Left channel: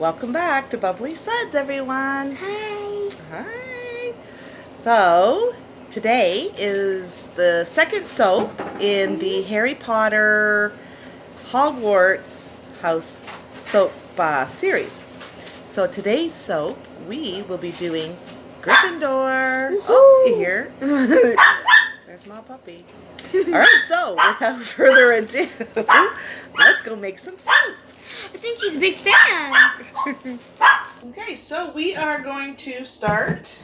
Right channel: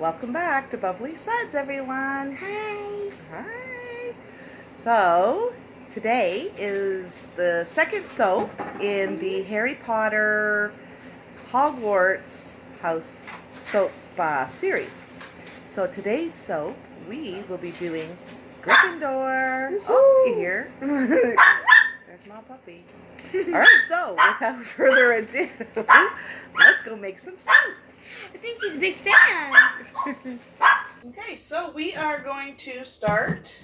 Welcome back to Bubbly Suds, everyone. Hi. Hi. So, today is the second soap in the Harry Potter Hogwarts House soap series. So, today's soap, we will be doing Gryffindor. Oh, you hear? There's my puppy. All right, so without further ado, let's go make some soap. I think she's a big fan. Okay, so we are going to start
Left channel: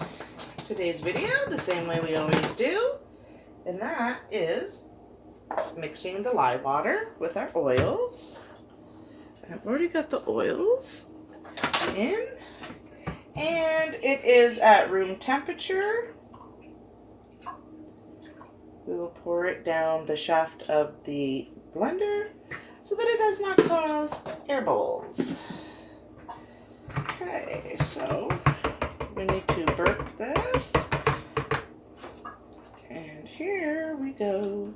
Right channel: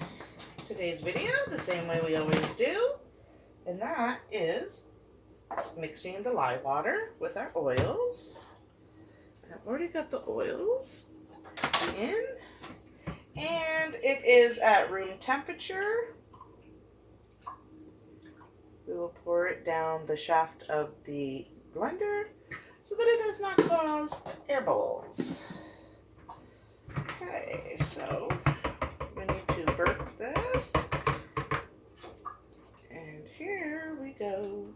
today's video the same way we always do, and that is mixing the lye water with our oils. And I've already got the oils in, and it is at room temperature. We will pour it down the shaft of the blender so that it does not cause air bubbles. Okay, so we need to burp this. And here we go.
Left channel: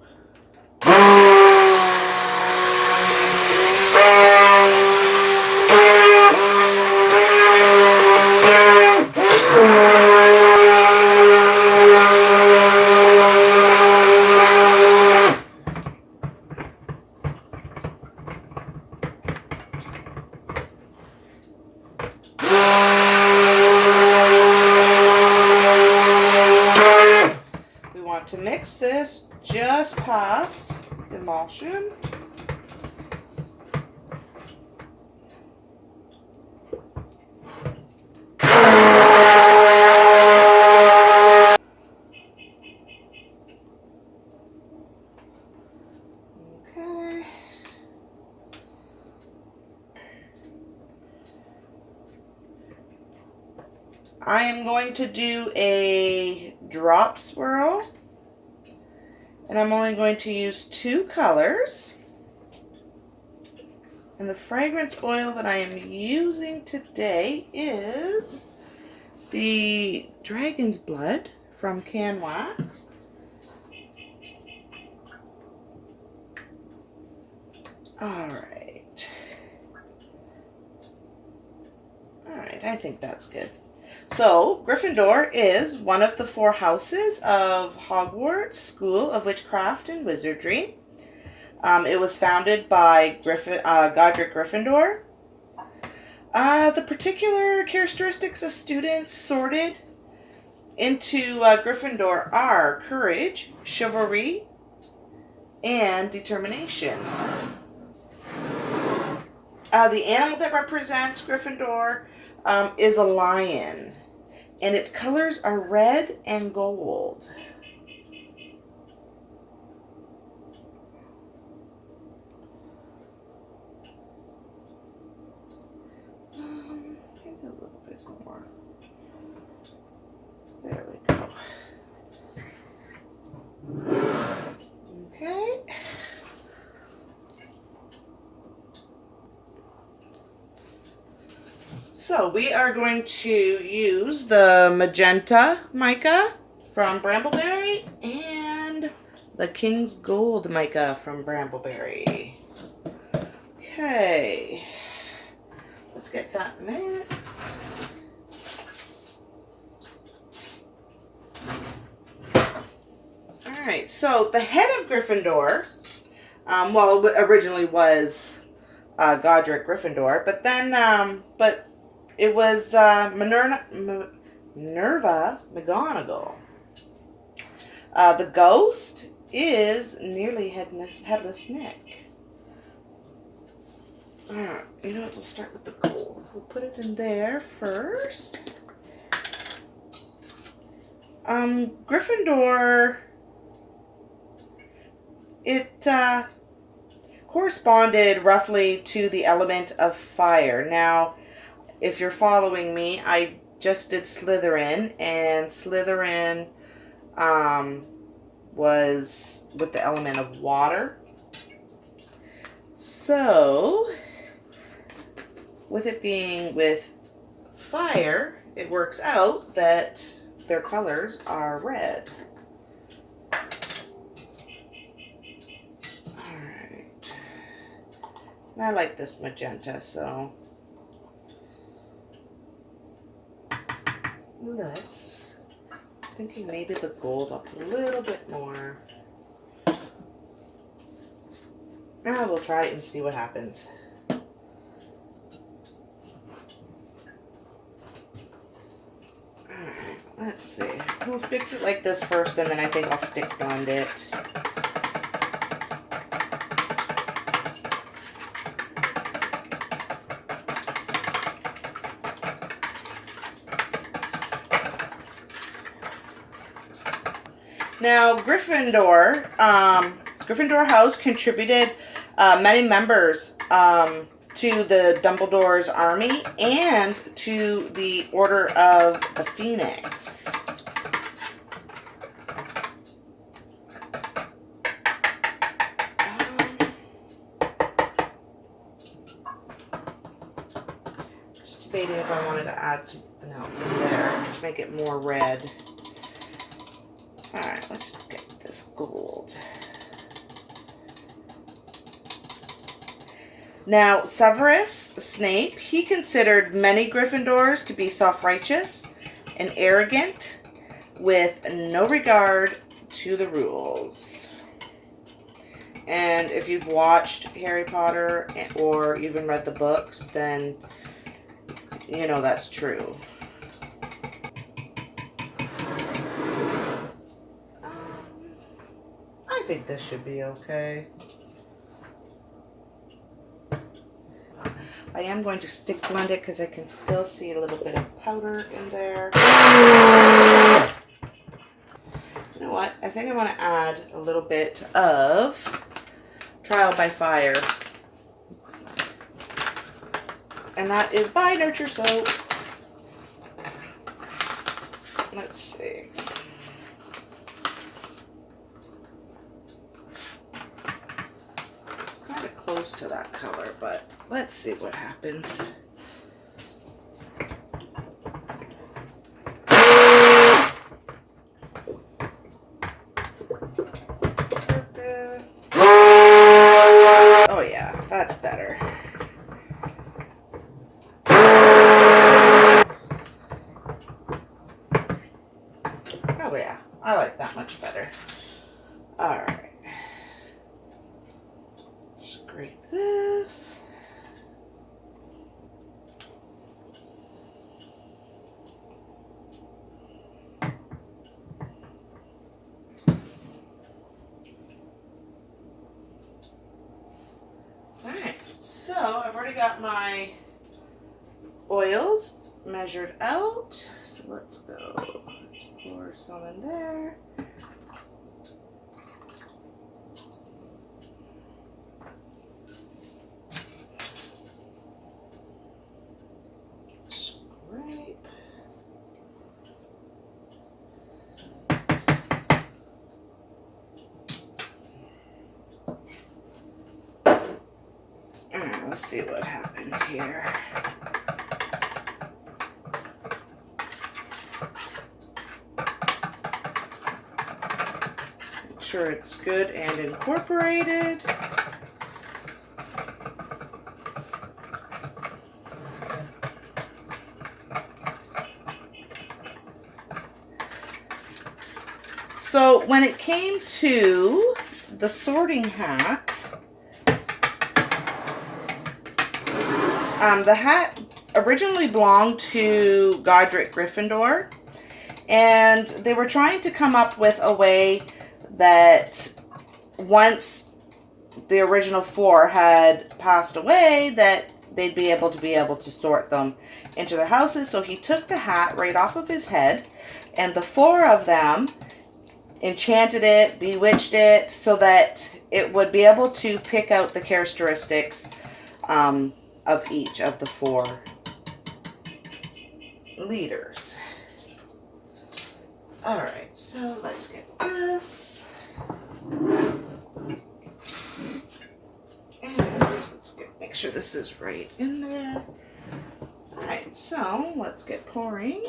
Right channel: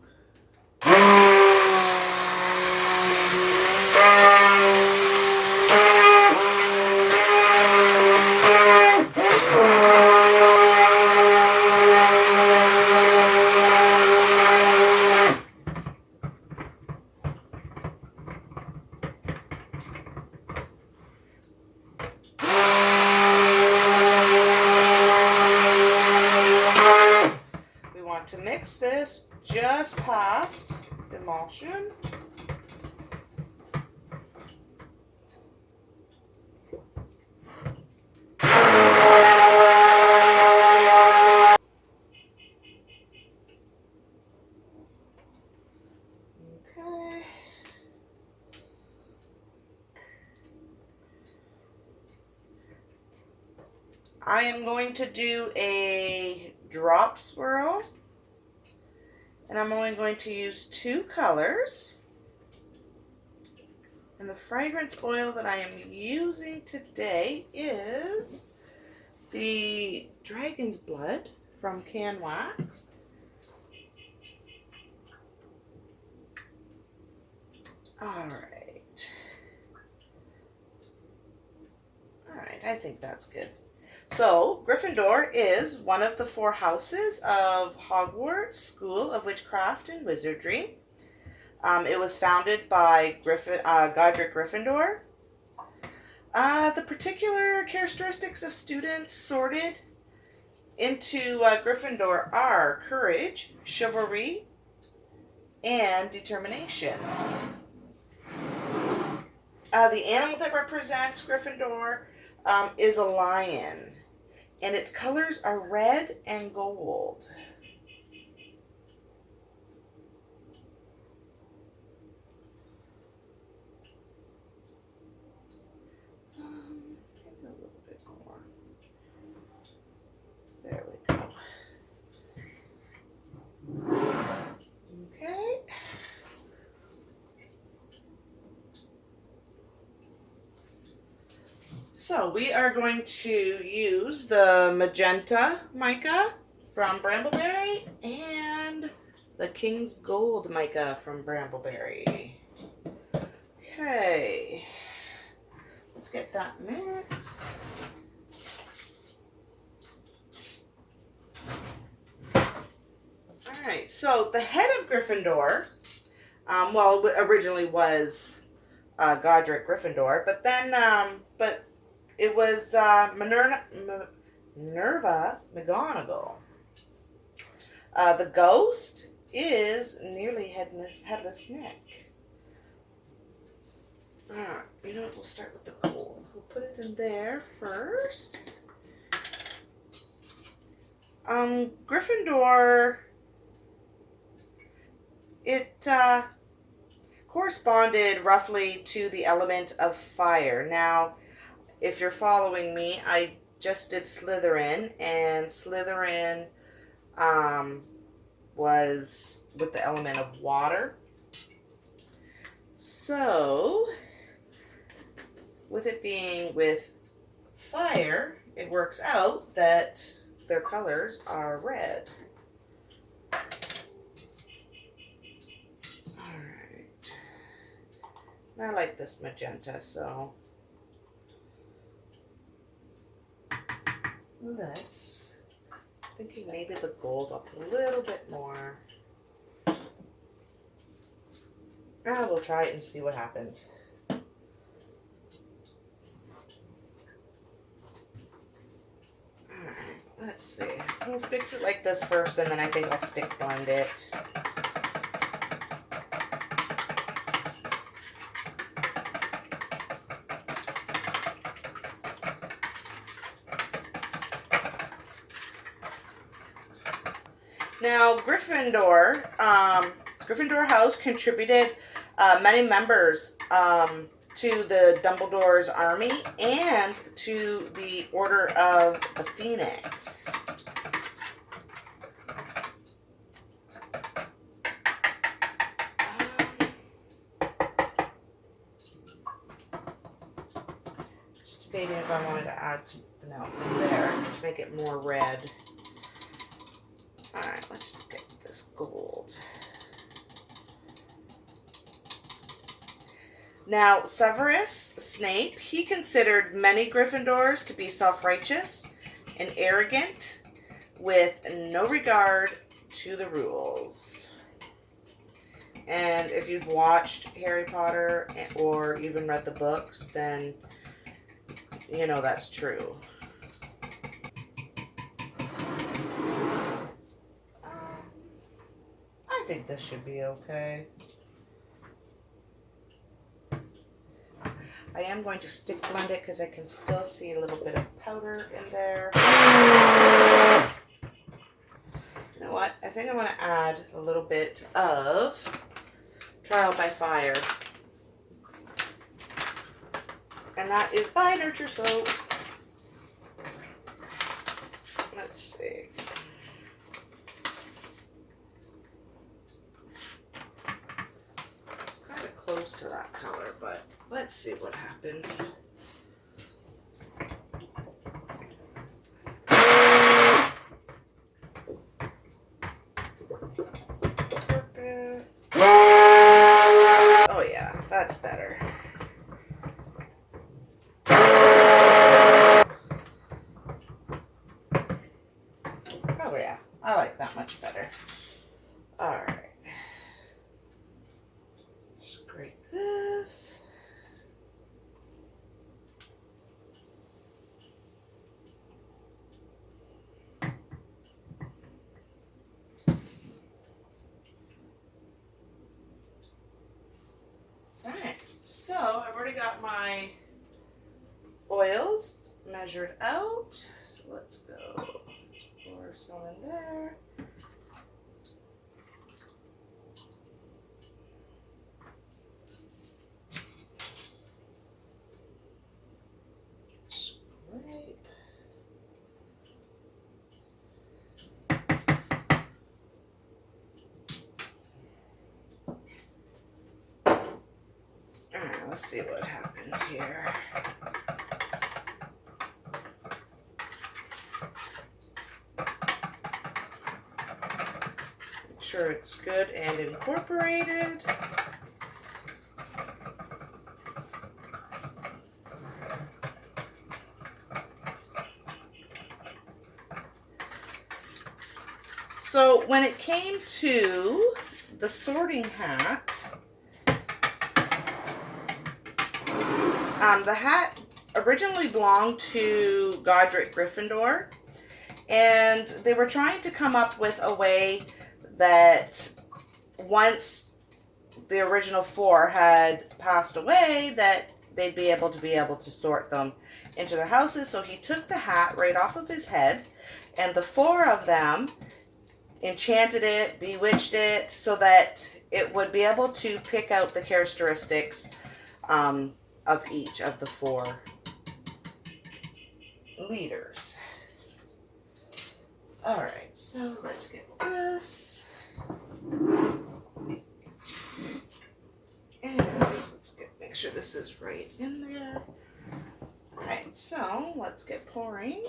To mix this just past emulsion. Okay. I am going to do a drop swirl. And I'm only going to use 2 colors. And the fragrance oil that I am using today is the Dragon's Blood from Can Wax. Alright, I think that's good. So, Gryffindor is one of the 4 houses of Hogwarts School of Witchcraft and Wizardry. It was founded by Godric Gryffindor. The particular characteristics of students sorted into Gryffindor are courage, chivalry, and determination. The animal that represents Gryffindor is a lion. And its colors are red and gold. Maybe a little bit more. There we go. Okay. So we are going to use the magenta mica from Brambleberry and the King's Gold mica from Brambleberry. Okay, let's get that mixed. Alright, so the head of Gryffindor, well, it originally was Godric Gryffindor, but then, it was Minerva McGonagall. The ghost is nearly headless Nick. Alright, you know what? We'll start with the gold. We'll put it in there first. Gryffindor, it corresponded roughly to the element of fire. Now, if you're following me, I just did Slytherin, and Slytherin was with the element of water. So, with it being with fire, it works out that their colors are red. Alright. I like this magenta, so let's, thinking maybe the gold up a little bit more. We'll try it and see what happens. Alright, let's see. We'll fix it like this first, and then I think I'll stick blend it. Now, Gryffindor House contributed many members to the Dumbledore's army and to the Order of the Phoenix. Just debating if I wanted to add something else in there to make it more red. Alright, let's get this gold. Now, Severus Snape, he considered many Gryffindors to be self-righteous and arrogant with no regard to the rules. And if you've watched Harry Potter or even read the books, then you know that's true. I think this should be okay. I am going to stick blend it because I can still see a little bit of powder in there. You know what? I think I want to add a little bit of Trial by Fire. And that is by Nurture Soap. Let's see. It's kind of close to that color, but let's see what happens. Oh yeah, that's better. Oh yeah, I like that much better. Alright. Scrape this. Alright, so I've already got my oils measured out. So let's go. Let's pour some in there. Scrape. Alright, let's see what happens here. Make sure it's good and incorporated. So when it came to the sorting hat, the hat originally belonged to Godric Gryffindor, and they were trying to come up with a way that once the original 4 had passed away, that they'd be able to sort them into their houses. So he took the hat right off of his head, and the 4 of them enchanted it, bewitched it, so that it would be able to pick out the characteristics of each of the 4 leaders. Alright, so let's get this. And let's make sure this is right in there. Alright, so let's get pouring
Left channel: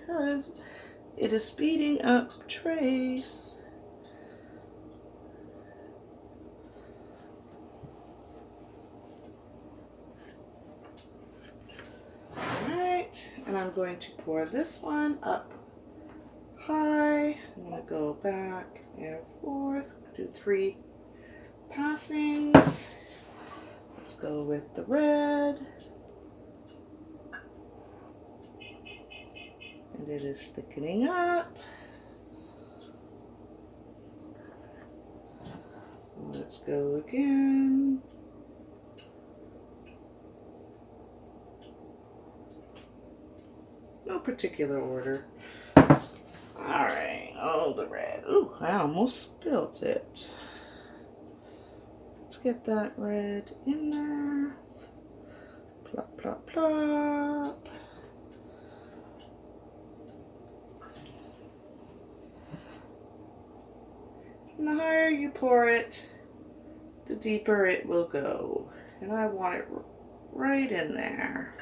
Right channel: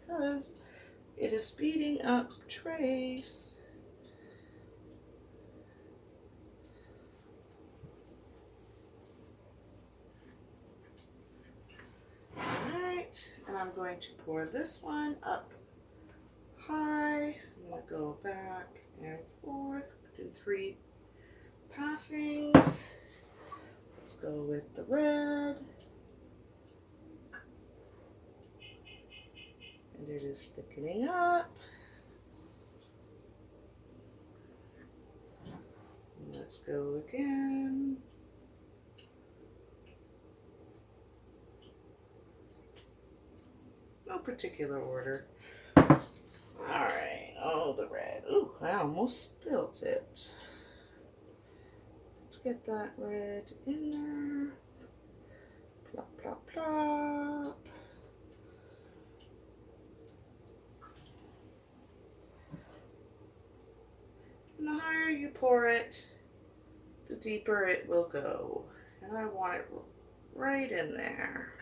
because it is speeding up trace. Alright, and I'm I'm going to pour this one up high. I'm going to go back and forth, do 3 passings. Let's go with the red. And it is thickening up. Let's go again. No particular order. Alright, oh, the red. Ooh, I almost spilled it. Let's get that red in there. Plop, plop, plop. And the higher you pour it, the deeper it will go. And I want it right in there.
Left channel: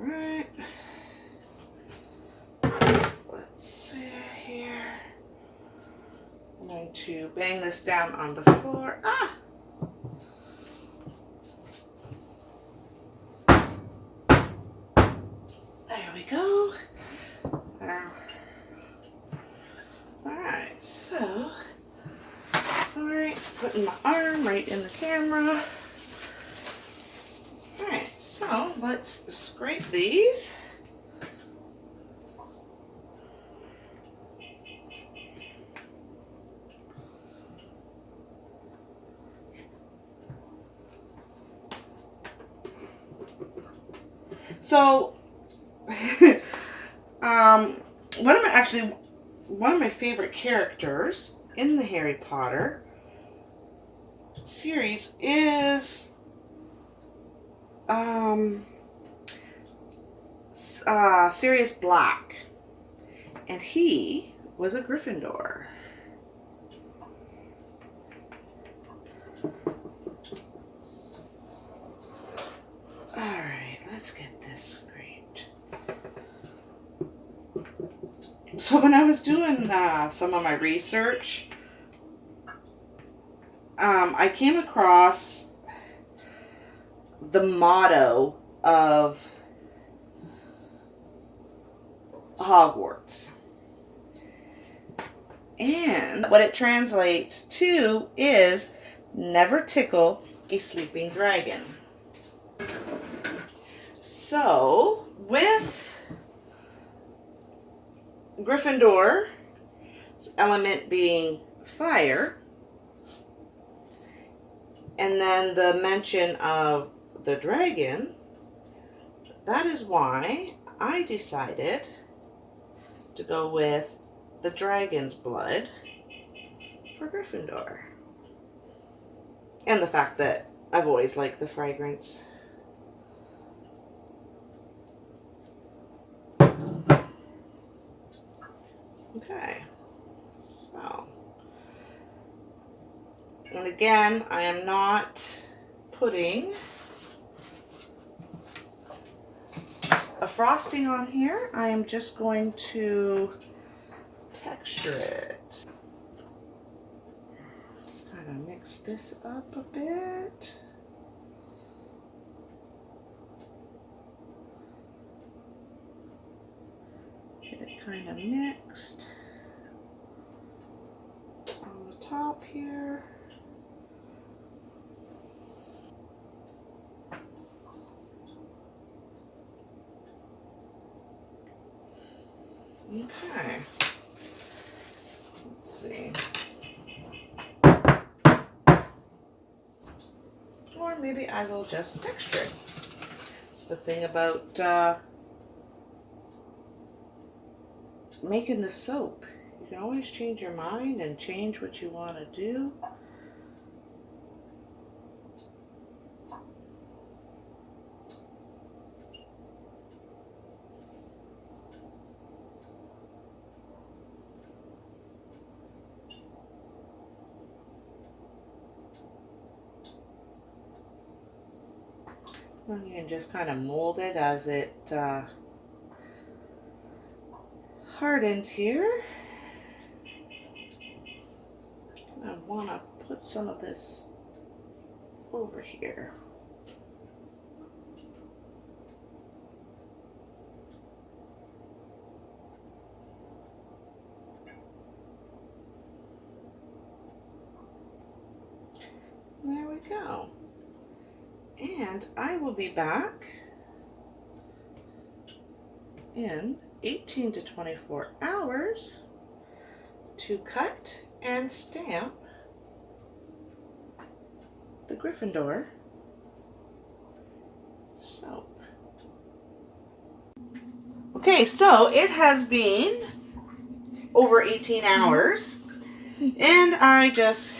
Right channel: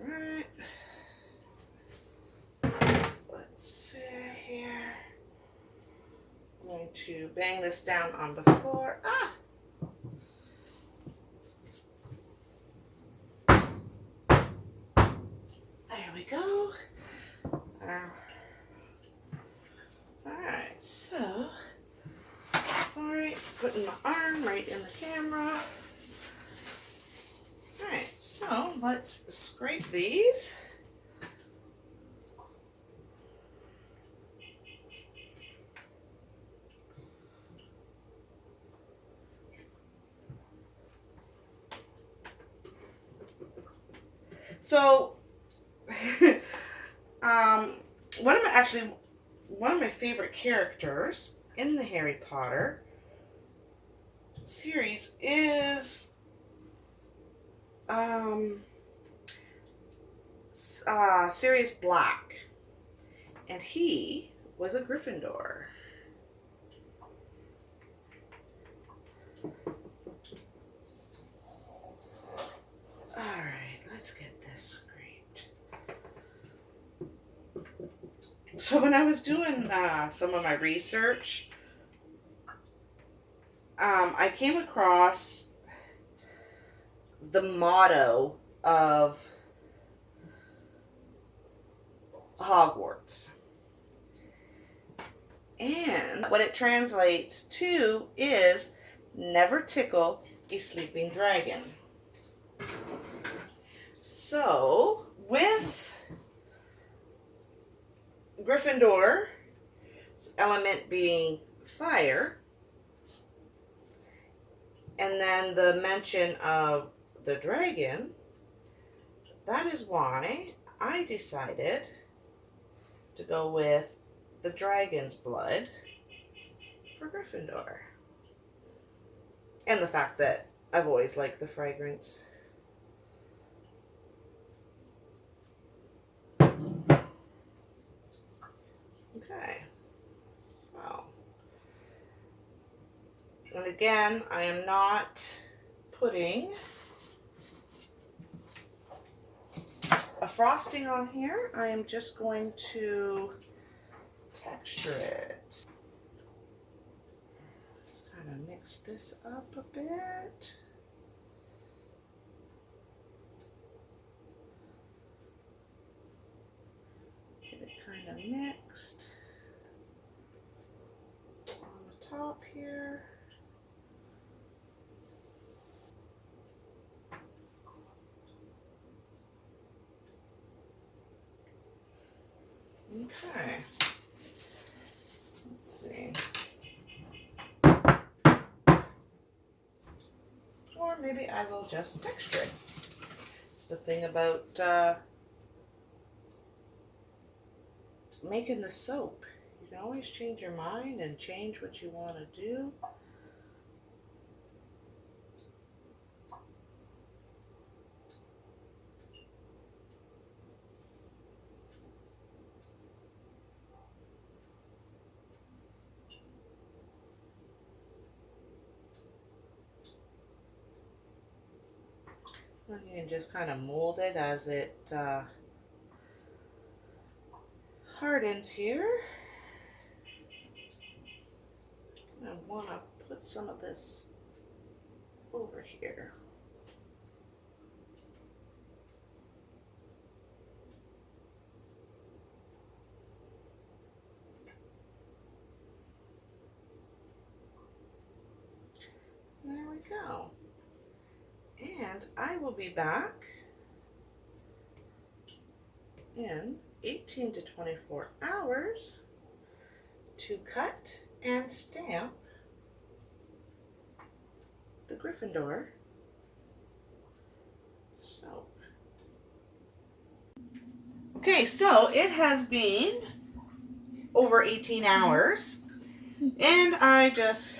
Alright. Let's see here. I'm going to bang this down on the floor. Ah! There we go. Alright, so, sorry, putting my arm right in the camera. Alright, so let's scrape these. So, one of my favorite characters in the Harry Potter series is Sirius Black, and he was a Gryffindor. Alright, let's get this scraped. So when I was doing some of my research, I came across the motto of Hogwarts. And what it translates to is never tickle a sleeping dragon. So, with Gryffindor's element being fire, and then the mention of the dragon, that is why I decided to go with the dragon's blood for Gryffindor. And the fact that I've always liked the fragrance. Okay, so, and again, I am not putting a frosting on here. I am just going to texture it. Just kind of mix this up a bit. Get it kind of mixed on the top here. Okay, let's see. Or maybe I will just texture it. It's the thing about making the soap. You can always change your mind and change what you want to do. And you can just kind of mold it as it hardens here. want to put some of this over here. There we go. And I will be back in 18 to 24 hours to cut and stamp the Gryffindor soap. Okay, so it has been over 18 hours and I just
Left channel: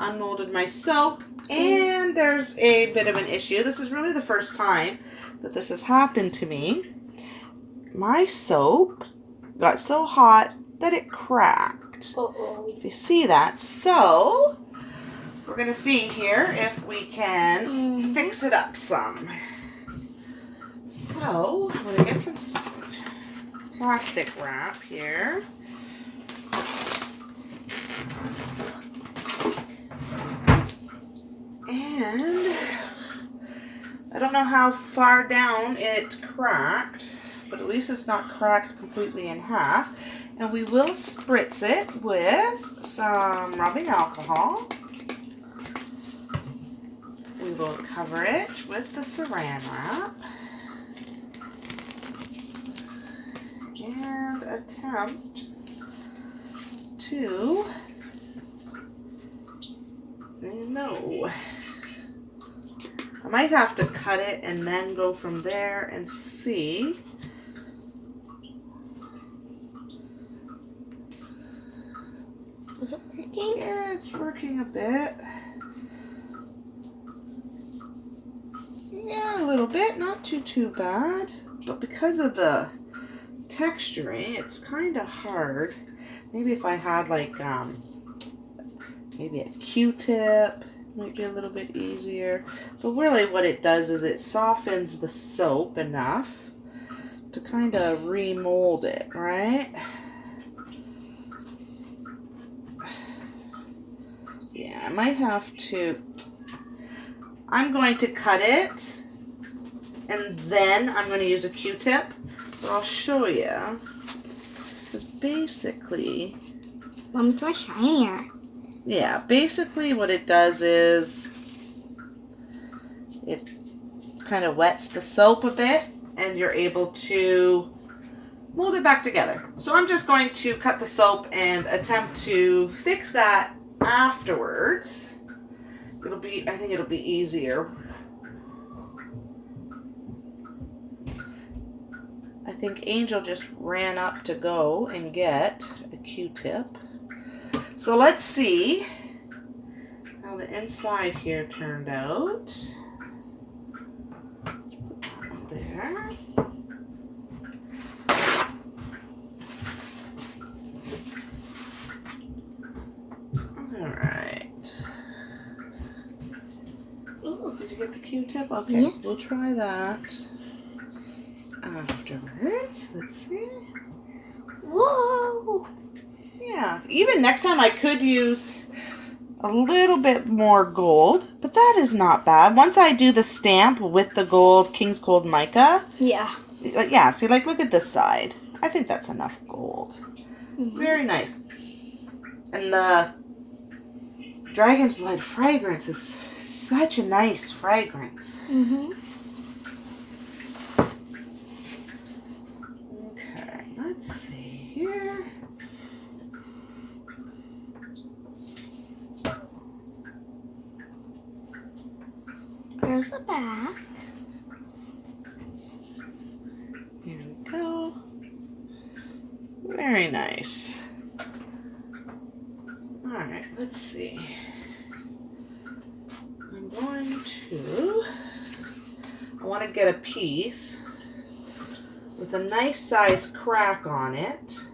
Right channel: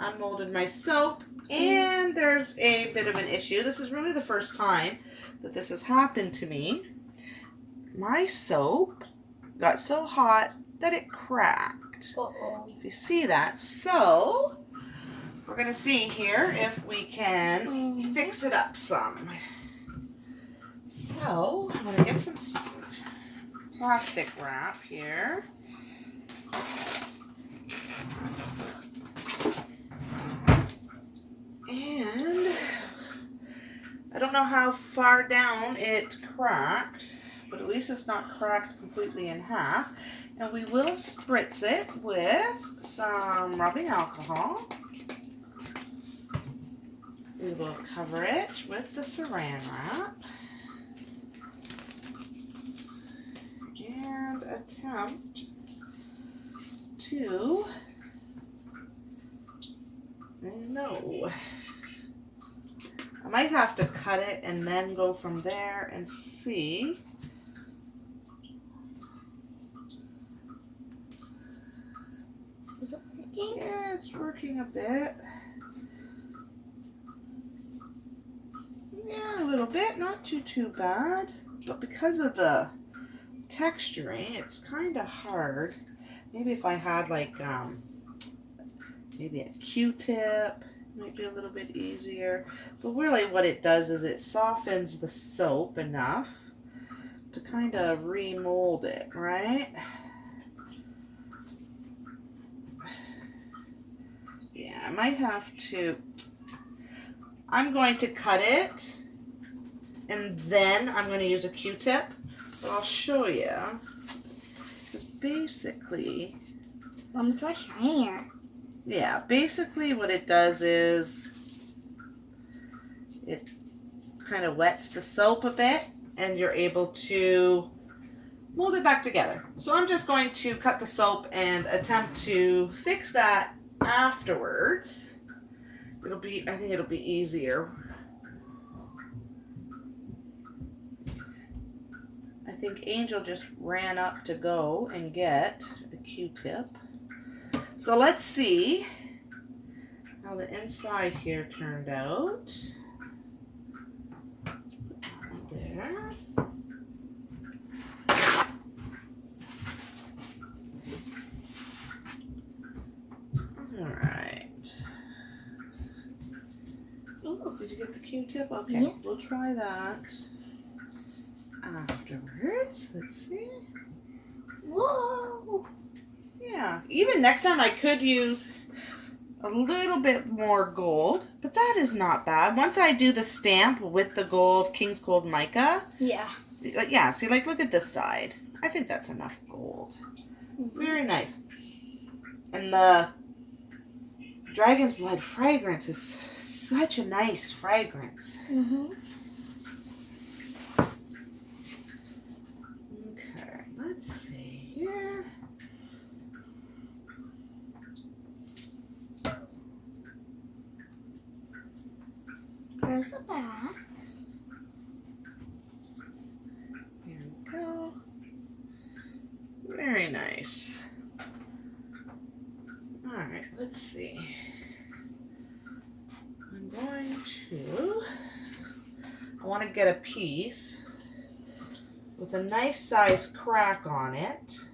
unmolded my soap, and there's a bit of an issue. This is really the first time that this has happened to me. My soap got so hot that it cracked. If you see that. So we're gonna see here if we can fix it up some. So I'm gonna get some plastic wrap here. And I don't know how far down it cracked, but at least it's not cracked completely in half. And we will spritz it with some rubbing alcohol. We will cover it with the saran wrap and attempt to, no. I might have to cut it and then go from there and see. Is it working? Yeah, it's working a bit. Yeah, a little bit, not too bad. But because of the texturing, it's kind of hard. Maybe if I had like maybe a Q-tip, might be a little bit easier. But really what it does is it softens the soap enough to kind of remold it, right? Yeah, I might have to, I'm going to cut it and then I'm going to use a Q-tip, but I'll show you. Because basically, It's much shinier. yeah, basically what it does is it kind of wets the soap a bit and you're able to mold it back together. So I'm just going to cut the soap and attempt to fix that afterwards. I think it'll be easier. I think Angel just ran up to go and get a Q-tip. So let's see how the inside here turned out. Let's put that one there. Alright. Did you get the Q-tip? Okay, yeah. We'll try that afterwards. Let's see. Whoa! Yeah, even next time I could use a little bit more gold, but that is not bad. Once I do the stamp with the gold, King's Gold Mica. Yeah. Yeah, see, like, look at this side. I think that's enough gold. Very nice. And the Dragon's Blood fragrance is such a nice fragrance. Okay, let's see here. Here's the back. Here we go. Very nice. Alright, let's see. I'm going to, I want to get a piece with a nice size crack on it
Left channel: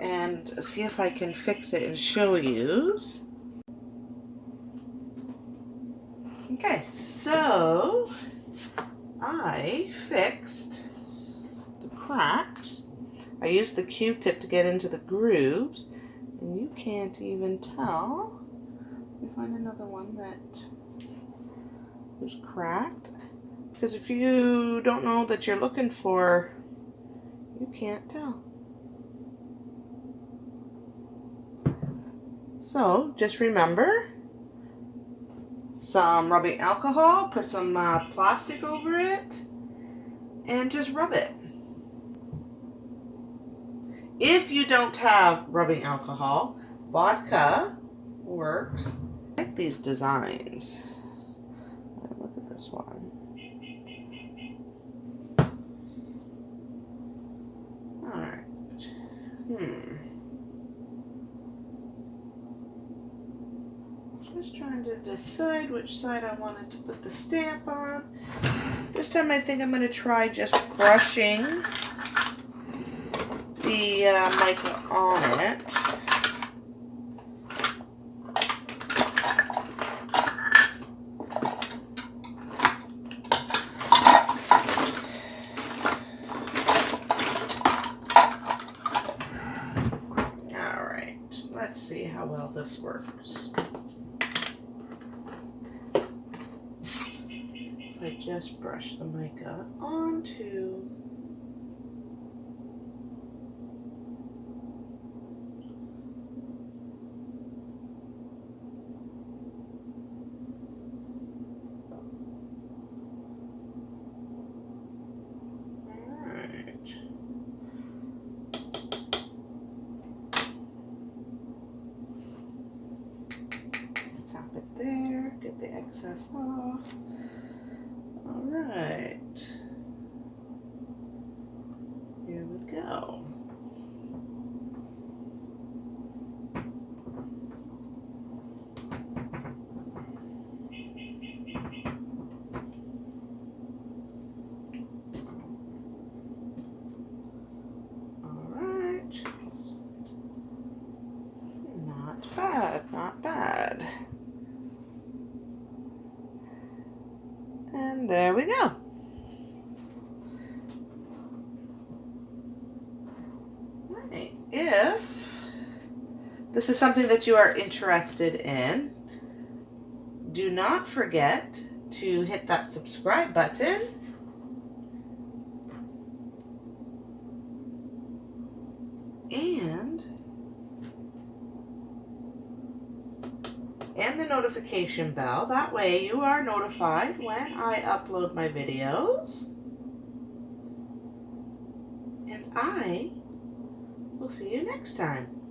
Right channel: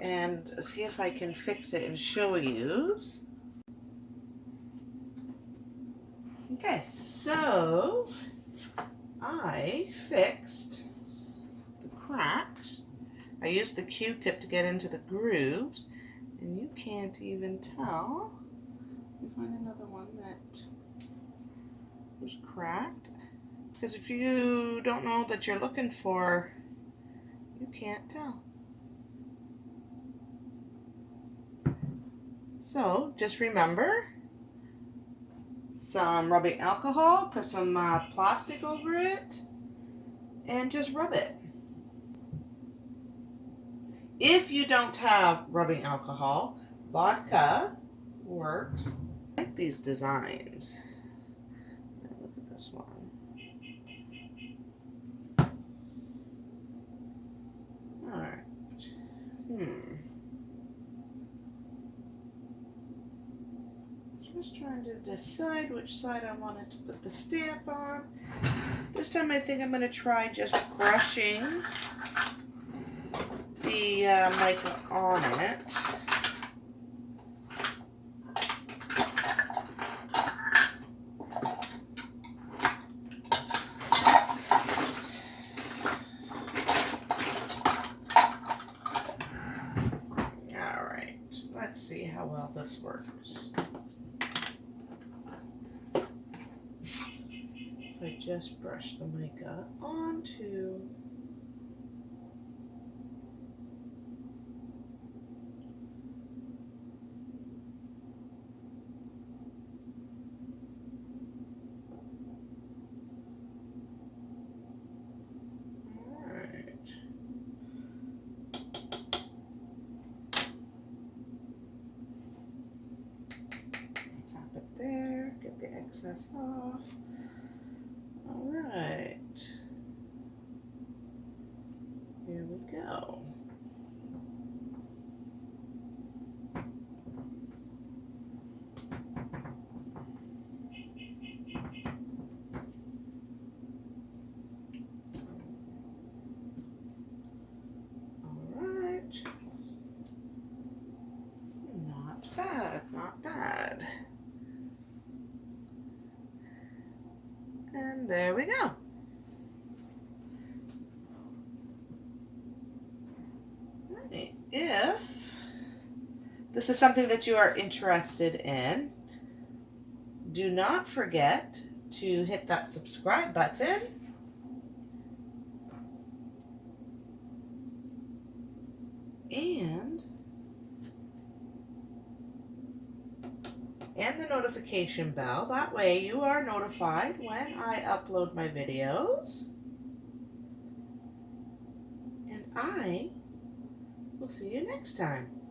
and see if I can fix it and show you. Okay, so I fixed the cracks. I used the Q-tip to get into the grooves, And you can't even tell. Let me find another one that was cracked. Because if you don't know that you're looking for, you can't tell. So just remember, some rubbing alcohol, put some plastic over it, and just rub it. If you don't have rubbing alcohol, vodka works. I like these designs. Look at this one. All right. Just trying to decide which side I wanted to put the stamp on. This time I think I'm going to try just brushing the mica on it. All right, let's see how well this works. I just brush the mica onto there, get the excess off. All right, here we go. All right, not bad, not bad. And there we go. Right. If this is something that you are interested in, do not forget to hit that subscribe button and the notification bell. That way you are notified when I upload my videos. And I will see you next time.